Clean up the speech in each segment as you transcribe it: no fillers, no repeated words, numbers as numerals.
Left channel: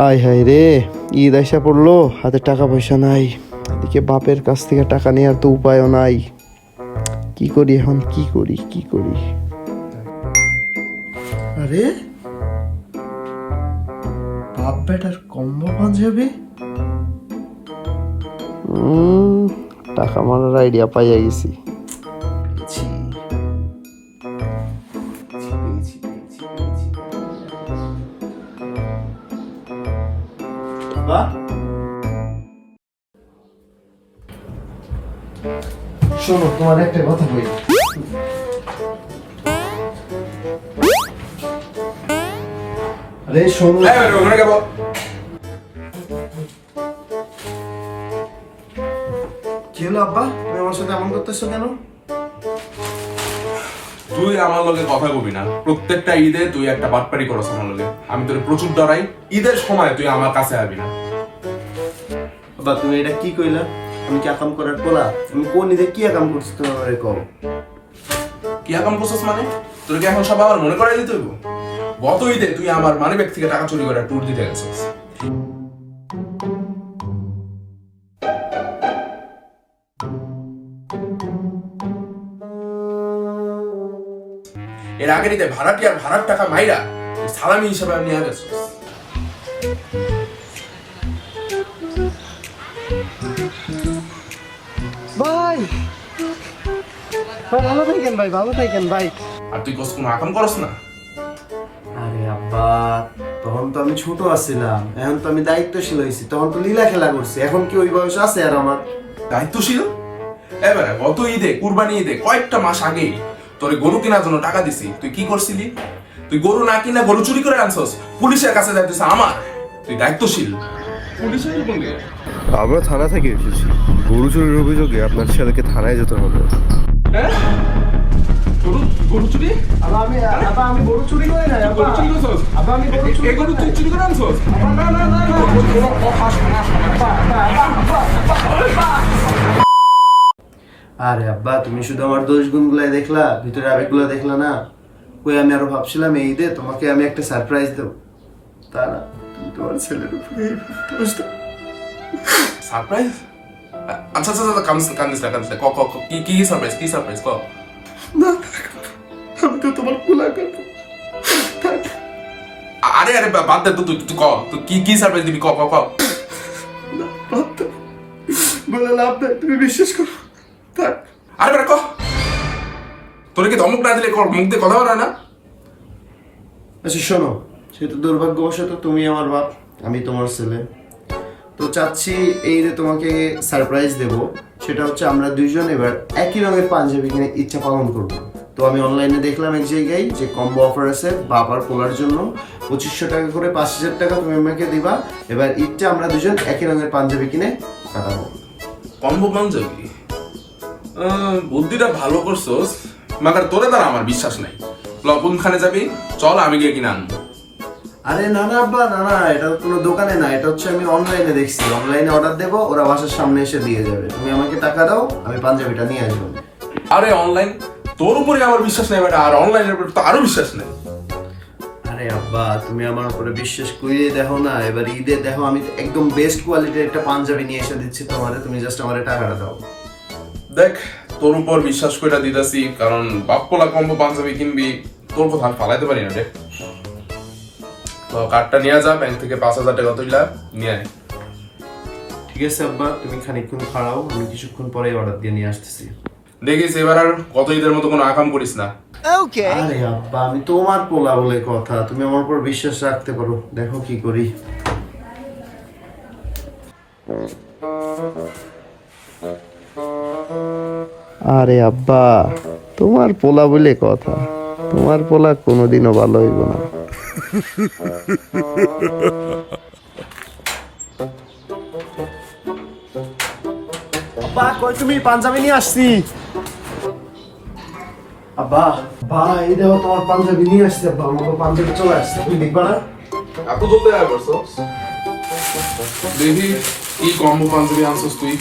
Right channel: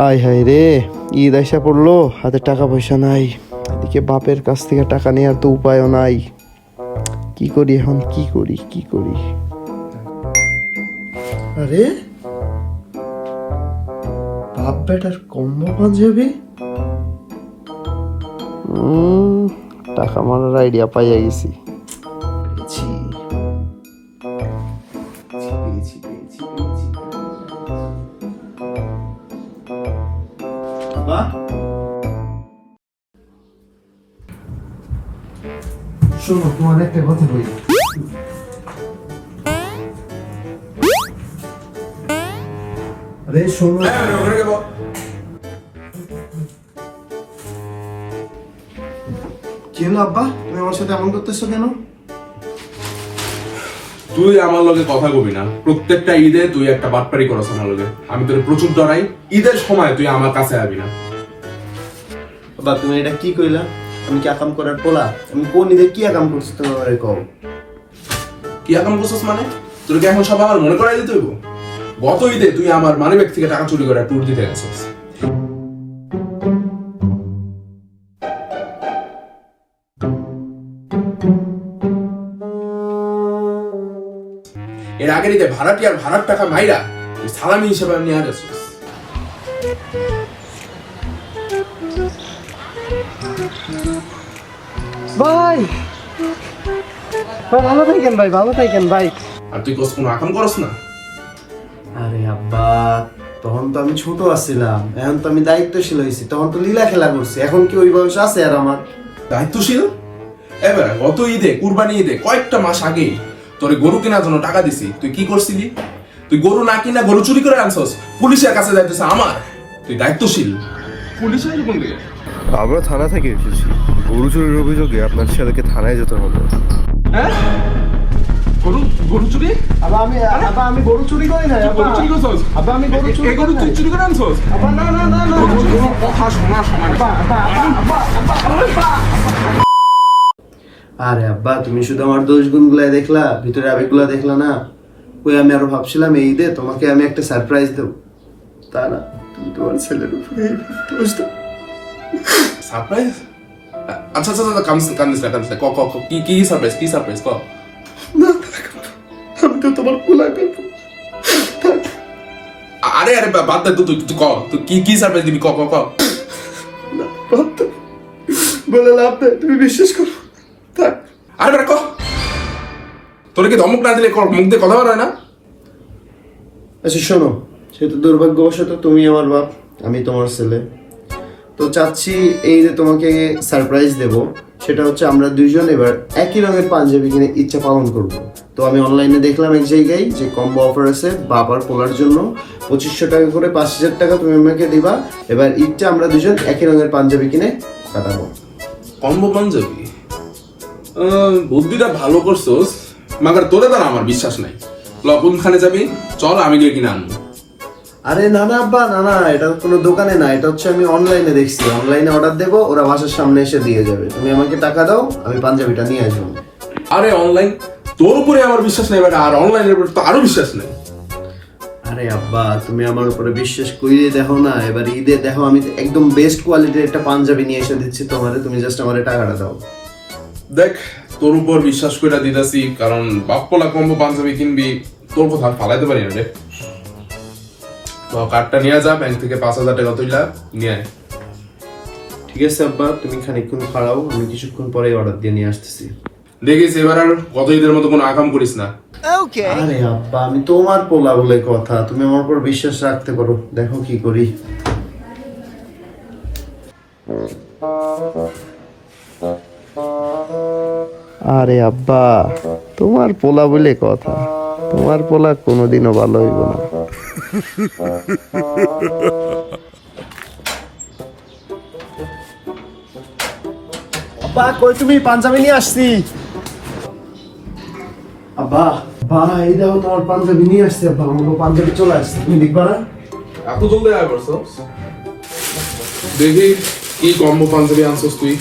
আয় হায় রে, ঈদ আইসা পড়লো, হাতে টাকা পয়সা নাই, এদিকে বাপের কাছ থেকে টাকা নেওয়ার তো উপায়ও নাই। কি করি এখন, কি করি কি করি? আরে বাপ বেটার কম্বো পাঞ্জাবি, টাকা মারার আইডিয়া পাইয়া গেছি। শোনো, তোমার একটা কথা বলি। আরে শোনো, কি হলো আব্বা, তুমি আমার সাথে এমন করতেছো কেন? তুই আমার লগে কথা কবি না। প্রত্যেকটা ঈদে তুই একটা বাটপারি করছ আমার লগে। আমি তোর প্রচুর ডরাই, ঈদের সময় তুই আমার কাছে আসবি না। আব্বা তুমি এটা কি কইলা? আমি কি আকাম করার পোলা? আমি কোন ঈদে কি আকাম করছি তুমি আমারে কও। কি আকাম করছিস মানে? তোর কি এখন সব আমার মনে করাই দিতে হইব? গত ঈদে তুই আমার মানিব্যাগ থেকে টাকা চুরি করে ট্যুর দিতে গেছিস। এর আগের ঈদে ভাড়াটিয়ার ভাড়ার টাকা মাইরা সালামি হিসেবে আমি নিয়ে গেছিস। ভাই ভাই ভালো থাকেন, ভাই ভালো থাকেন ভাই। আর তুই কোনো আকাম করস না? আরে আব্বা, তখন তো আমি ছোট আছিলাম, এখন তো আমি দায়িত্বশীল হয়েছি, তখন তো লীলা খেলা করছি, এখন কি ওই বয়স আছে আর আমার? দায়িত্বশীল? এবার গত ঈদে, কুরবানি ঈদে কয়েকটা মাস আগে তোর গরু কেনার জন্য টাকা দিছি, তুই কি করছিলি? তুই গরু না কিনা গরু চুরি করে আনছস, পুলিশের কাছে যাইতেছে আমার। তুই দায়িত্বশীল? পুলিশের কোন দিকে? আমরা থানা থেকে এসেছি, গরু চুরির অভিযোগে আপনার ছেলেকে থানায় যেতে হবে। হ্যাঁ, গরু চুরি? আমি গরু চুরি করি না। গরু চুরি করছস? এই গরু তুই চুরি করে আনছস? কথা শোনা শোনা। আরে আব্বা, তুমি শুধু আমার দোষ গুণগুলাই দেখলা, ভিতরে আবেগগুলা দেখলা না। ওই আমি আরো ভাবছিলাম এই ঈদে তোমাকে আমি একটা সারপ্রাইজ দেব, তা না তুমি তোমার ছেলের উপরে দোষ দাও। সারপ্রাইজ? আচ্ছা আচ্ছা আচ্ছা, কান্দিস না। ক ক ক, কি সারপ্রাইজ? কি সারপ্রাইজ ক? না, আমি তো তোমার কোলা করবো। আরে আরে বাদ দে, তুই ক, তুই কি সারপ্রাইজ দিবি? ক ক ক। না, বাদ দাও। বলে লাভ নেই, তুমি বিশ্বাস করো। থাক। আরে বেটা ক, তোর কি ধমক না দিলে মুখ দিয়ে কথা বলা না? আচ্ছা শোনো, সেহেতু দুর্ভাগ্যবশত তুমি আমার বাপ, আমি তোমার ছেলে, তো চাচ্ছি এই যে তোমাকে সারপ্রাইজ দেব, সেটা হচ্ছে আমরা দুইজন এবার একই রঙের পাঞ্জাবি কিনে ইচ্ছা পালন করব। তো আমি অনলাইনে দেখলাম এক জায়গায় যে কম্বো অফার আছে বাপ আর পোলার জন্য, 2500 টাকা করে 5000 টাকা তুমি আমাকে দিবা। এবার ঈদটা আমরা দুজন একই রঙের পাঞ্জাবি কিনে কাটাবো। কম্বো পাঞ্জাবি? বুদ্ধিটা ভালো করছোস, মাগার তোরে দ্বারা আমার বিশ্বাস নাই। কোনখানে যাবি? চল, আমি গিয়ে কিনে আনবো। আরে না না আব্বা, না না, এটা কোনো দোকানে না, এটা হচ্ছে আমি অনলাইনে দেখছি, অনলাইনে অর্ডার দেবো, ওরা বাসার সামনে এসে দিয়ে যাবে। তুমি আমাকে টাকা দাও, আমি পাঞ্জাবিটা নিয়ে আসবো। আরে অনলাইন, তোর উপরে আমার বিশ্বাস নেই বেটা, আর অনলাইনের উপরে তো আরো বিশ্বাস নেই। আরে আব্বা, তুমি আমার উপরে বিশ্বাস করিয়ে দেখো না, এবার ঈদে দেখো আমি একদম বেস্ট কোয়ালিটির একটা পাঞ্জাবি নিয়ে এসে দিচ্ছি তোমারে, তুমি জাস্ট আমারে টাকাটা দাও। দেখ, তোর উপর বিশ্বাস করে দিতেছি, কারণ বাপ্পলা কম্বো পাঞ্জাবি কিনবি, তোর কথা ফালাইতে পারি না রে। তো কার্ডটা নিয়ে যা, ব্যাংক থেকে 5000 টাকা তুইলা নিয়ে আয়। ঠিক আছে আব্বা, তুমি খানিকক্ষণ খাড়াও, আমি কিছুক্ষণ পরেই অর্ডার দিয়ে নিয়ে আসতেছি। দেখিস এবার আর গত ঈদের মতো কোনো আকাম করিস না। আরে আব্বা, আমি তোমার পোলা বলে কথা, তুমি আমার উপর বিশ্বাস রাখতে পারো, দেখো কি করি। আরে আব্বা, তোমার পোলা বলে কথা, তোমার পোলা কোনোদিনও ভালো হইব না। আব্বা কই তুমি? পাঞ্জাবি নিয়ে আসছি। আব্বা বাবা, এই দেখো তোমার পাঞ্জাবি নিয়ে আসছি। আব্বা আমার পাঞ্জাবি চলে আসছে, তুমি দেখবা না? এত জলদি আয় করছস? দেখি কি কম্বো পাঞ্জাবি আনছস তুই।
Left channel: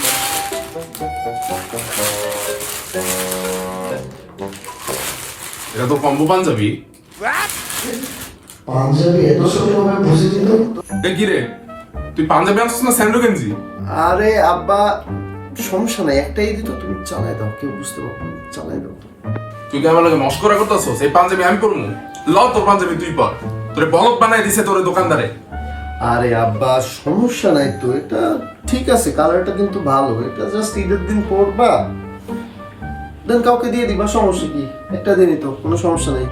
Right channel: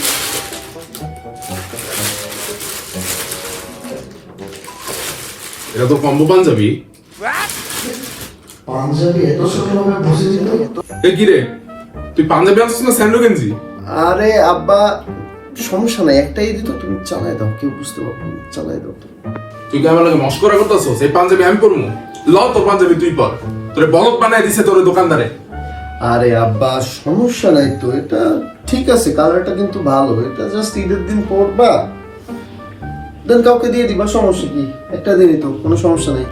এটা তো কম্বো পাঞ্জাবি। পাঞ্জাবি এত ছোট হবে বুঝিনি তো। এ কি রে, তুই পাঞ্জাবি আনছিস না স্যান্ডো গেঞ্জি? আরে আব্বা সমস্যা নাই, একটাই দিত, তুমি চালাই দাও, কেউ বুঝতে পারবো না, চালাই দাও তো। তুই কি আমার লাগে মস্করা করতেছস? এই পাঞ্জাবি আমি পরমু? লও তোর পাঞ্জাবি তুই পর। তোরে বলদ বানাই দিছে তোর দোকানদারে। আরে আব্বা সমস্যা নাই তো, এটা ঠিক আছে, কালারটা কিন্তু ভালো, এটা জাস্ট ঈদের দিন পরবা, দেন কাউকে দিয়ে দিবা, সমস্যা কি, একটা দিনই তো, কোনো সমস্যা নেই।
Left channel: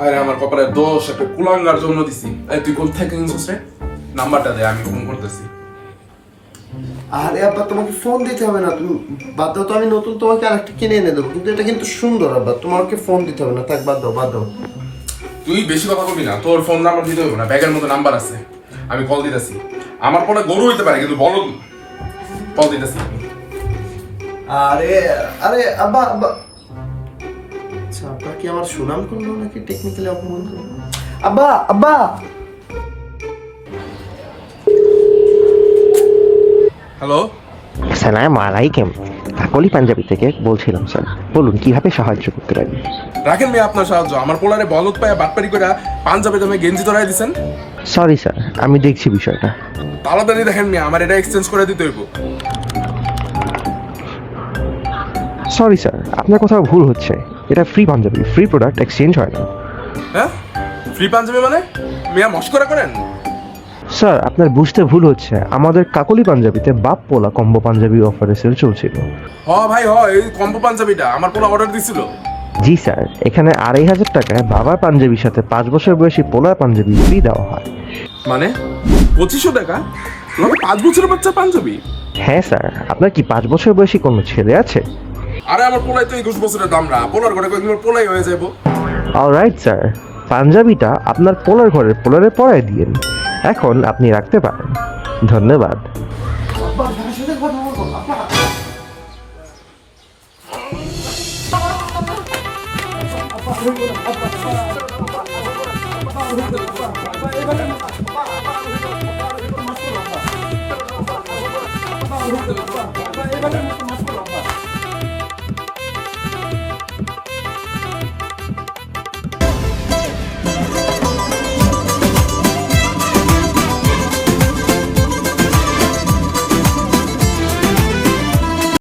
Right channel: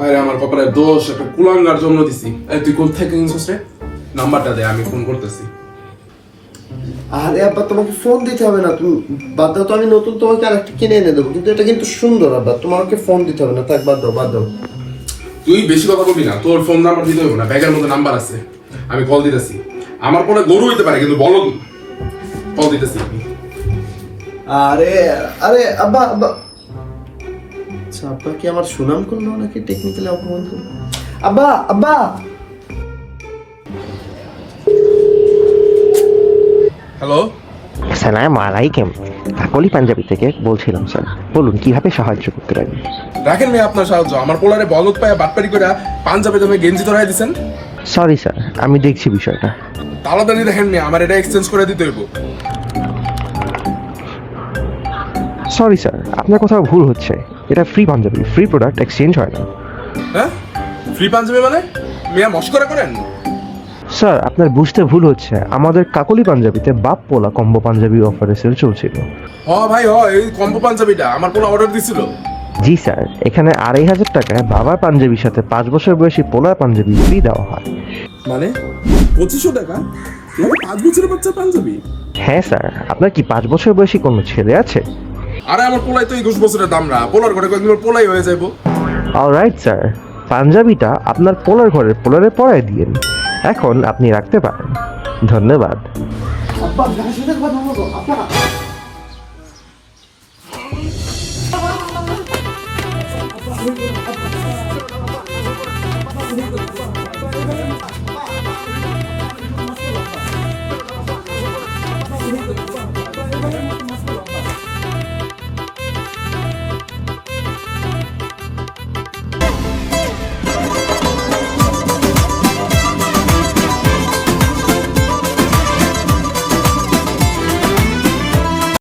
আরে আমার কপালের দোষ, একটা কুলাঙ্গার জন্য দিছি। এই তুই কোথা থেকে কিনছিস রে? নাম্বারটা দে, আমি ফোন করতেছি। আরে আব্বা তোমাকে ফোন দিতে হবে না, তুমি বাদ দাও তো, আমি নতুন তোমাকে আরেকটা কিনে এনে দেবো, কিন্তু এটা কিন্তু সুন্দর আব্বা, তোমাকে ফোন দিতে হবে না, থাক বাদ দাও বাদ দাও। তুই বেশি কথা বলবি না, তোর ফোন নাম্বার দিতে হবে না, ব্যাগের মধ্যে নাম্বার আছে, আমি কল দিতেছি। আমার ফোনে গরু হইতে পারে কিন্তু বলদ না। কল দিতেছি। আরে আরে আব্বা আব্বা, আচ্ছা আব্বা কি আমার সুনাম করলো নাকি টেকনিক্যালি অপমান করলো? আব্বা আব্বা, হ্যালো, আসসালামু আলাইকুম, কাকলি পাঞ্জাবি থেকে বলছিলাম স্যার, বলুন কিভাবে সাহায্য করতে পারি? রাখেন মেয়ে আপনার সাহায্য। আমার পোলারে বলদ পায়ে বাটপারি করে পাঞ্জাবি দামে গেঞ্জি ধরাই দিছেন। সরি স্যার, আমি দেখছি বিষয়টা। তাড়াতাড়ি দেখেন মেয়ে, আমার এটা এক্সচেঞ্জ করে দিতে হইব। সরি স্যার, আপনার কোথাও ভুল হচ্ছে, এটা free Punjabi, free product exchange হয় না। হ্যাঁ, ফ্রি পাঞ্জাবি মানে? মেয়া মস্করা করেন? স্যার আপনার বুঝতে ভুল হচ্ছে, আমাদের কাকলি পাঞ্জাবিতে বাপ পোলা কম্বো পাঞ্জাবি অফারে সেল চলছিল। হ ভাই হ, এই কম্বো পাঞ্জাবিটা আমার পোলা অর্ডার দিছিল। জি স্যার, এখানে 2500 টাকায় বাবার পাঞ্জাবির সাথে 5 বছর বয়সী পোলার পাঞ্জাবি ফ্রি দেওয়া হয়। মানে 2500 টাকা? 5 বছরের বাচ্চা পাঞ্জাবি? হ্যাঁ স্যার, আপনার কি 5 বছর বয়সী কোনো ছেলে আছে? আরে আমার পোলাই তো 21 বছরের দাম না, পোলার করে কয়েকদিন পর পোলাই হয়ে যাবো। অলরাইট স্যার, পাঞ্জাবিটা আপনার পোলার ঘরের পোলারে পরাই দিয়েন, এখন আপনি রাখতে পারেন। ধন্যবাদ। আব্বা আমার সাথে কথা বলো আব্বা। আব্বা